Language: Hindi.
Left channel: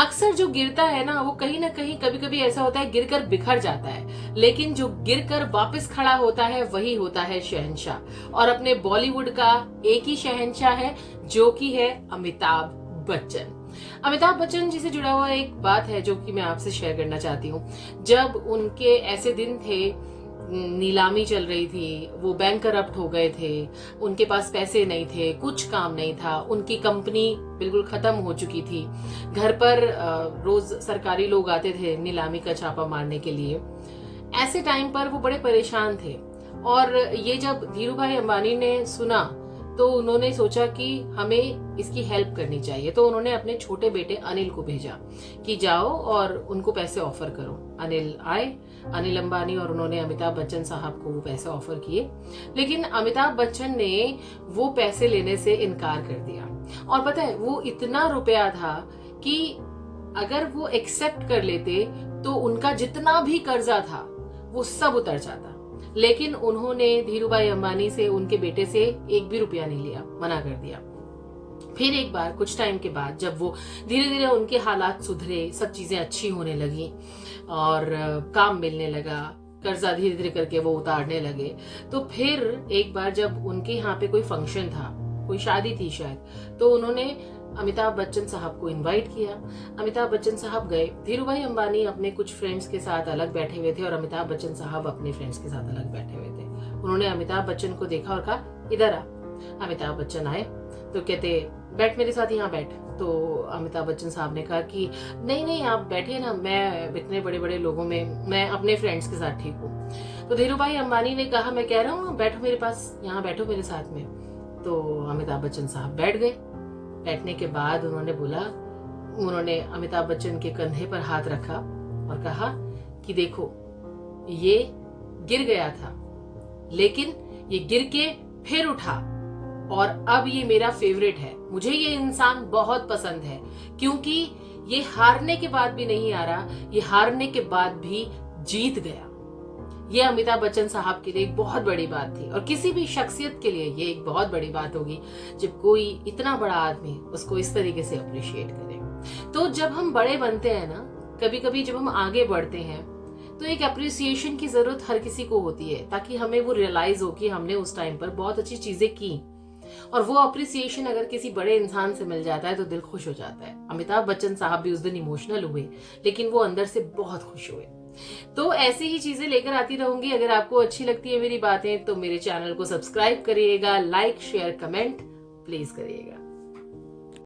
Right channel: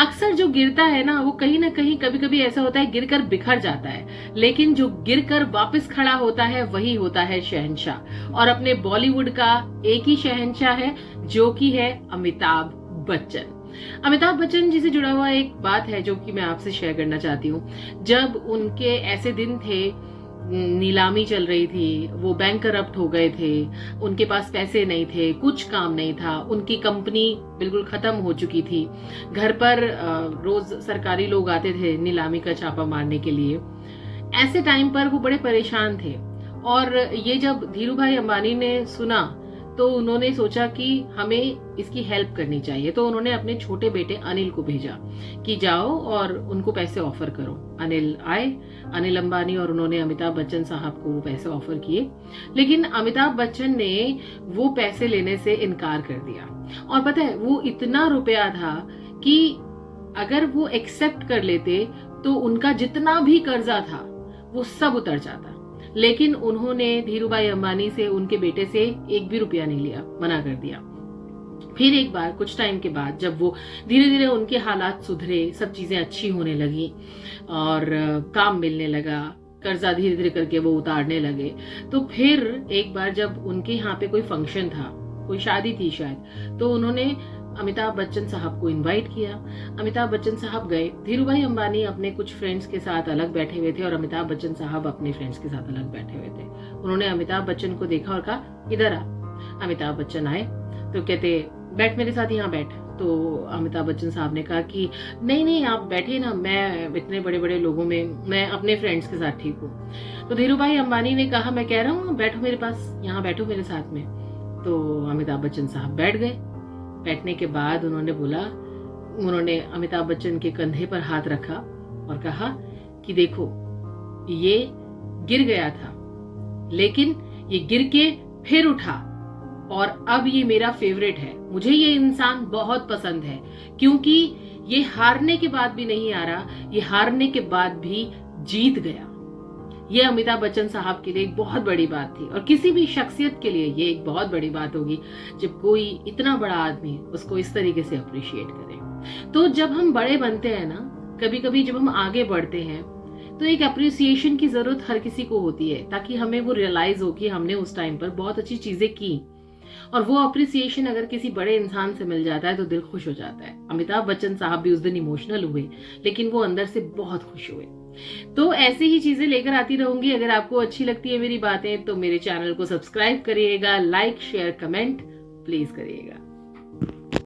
अक्सर जो गिरता है ना वो कहीं ना कहीं कभी कभी ऐसा होता है गिरकर बिखर जाता है, लेकिन जो गिरकर वापस खड़ा होता है वही होता है शहंशाह। और अपने बॉलीवुड का एक ही शहंशाह है जो कि है अमिताभ बच्चन। अमिताभ बच्चन जी से जुड़ा हुआ एक बात है जो कि मैं आपसे शेयर करना चाहती हूँ। जब उनके ऐसे दिन थे, नीलामी चल रही थी, वो बैंक करप्ट हो गए थे, उनके पास पैसे नहीं थे, कुछ काम नहीं था, उनकी कंपनी बिल्कुल खत्म हो चुकी थी, घर पर रोज सरकारी लोग आते थे नीलामी का छापा मारने के लिए। ऐसे टाइम पर वो बड़े परेशान थे और ये जब धीरू भाई अंबानी ने सुना तो उन्होंने सोचा कि हमें इसकी हेल्प करनी चाहिए। तो उन्होंने अपने छोटे बेटे अनिल को भेजा कि जाओ और उनको पैसे ऑफर करो। अनिल आए, अनिल अंबानी, और उन्होंने अमिताभ बच्चन साहब को वो पैसे ऑफर किए, लेकिन अमिताभ बच्चन ने वो पैसे लेने से इनकार कर दिया। और पता है वो इतना रुपया था कि अगर वो एक्सेप्ट कर लेते तो उनका जितना भी कर्जा था वो सब उतर जाता। लेकिन उन्होंने धीरू भाई अंबानी से, उनके बेटे से एक भी रुपया नहीं लिया, मना कर दिया। फिर एक बार कुछ टाइम के बाद जब वो धीरे धीरे उनके हालात सुधरे, सब चीजें अच्छी होने लगी और काम मिलने लगा, कर्जा धीरे धीरे करके वो उतारने लगे, तो फिर एक बार जब उनके यहाँ पे कोई फंक्शन था, कोई शादी थी शायद, तो उन्होंने अमिताभ बच्चन साहब को इनवाइट किया। अमिताभ बच्चन साहब गए। धीरू भाई अंबानी अपने कुछ फ्रेंड्स के साथ अलग बैठे हुए थे और अमिताभ बच्चन साहब अपने फ्रेंड्स के साथ अलग बैठे हुए थे। उन्होंने अमिताभ बच्चन को देखा और कहा इधर आ। अमिताभ बच्चन आए तो कहते बैठ मेरे साथ, यहाँ बैठ। तो अमिताभ बच्चन साहब ने कहा कि नहीं नहीं आप बैठे ना, मैं इतने बड़े बड़े लोगों में मैं अपने फ्रेंड्स के साथ ठीक हूँ। तो धीरू भाई अंबानी ने कहा मैं कह रहा हूँ बैठो मेरे पास, यहाँ बैठो मेरे साथ में। तो अमिताभ बच्चन साहब बैठ गए। बैठने के बाद उन्होंने अमिताभ बच्चन के कंधे पर हाथ रखा और कहा कि देखो ये गिर गया था, लेकिन ये गिर के फिर उठा और अब ये मेरा फेवरेट है। मुझे ये इंसान बहुत पसंद है क्योंकि ये हारने के बाद भी नहीं हारा, ये हारने के बाद भी जीत गया। ये अमिताभ बच्चन साहब के लिए एक बहुत बड़ी बात थी और किसी भी शख्सियत के लिए ये एक बहुत बड़ी बात होगी जब कोई इतना बड़ा आदमी उसको इस तरीके से अप्रिशिएट करे। तो जब हम बड़े बनते हैं ना, कभी कभी जब हम आगे बढ़ते हैं तो एक अप्रिसिएशन की जरूरत हर किसी को होती है, ताकि हमें वो रियलाइज हो कि हमने उस टाइम पर बहुत अच्छी चीजें की। और वो अप्रिसिएशन अगर किसी बड़े इंसान से मिल जाता है तो दिल खुश हो जाता है। अमिताभ बच्चन साहब भी उस दिन इमोशनल हुए, लेकिन वो अंदर से बहुत खुश हुए। तो ऐसे ही चीजें लेकर आती रहूंगी। अगर आपको अच्छी लगती है मेरी बातें तो मेरे चैनल को सब्सक्राइब करिएगा, लाइक शेयर कमेंट प्लीज करिएगा।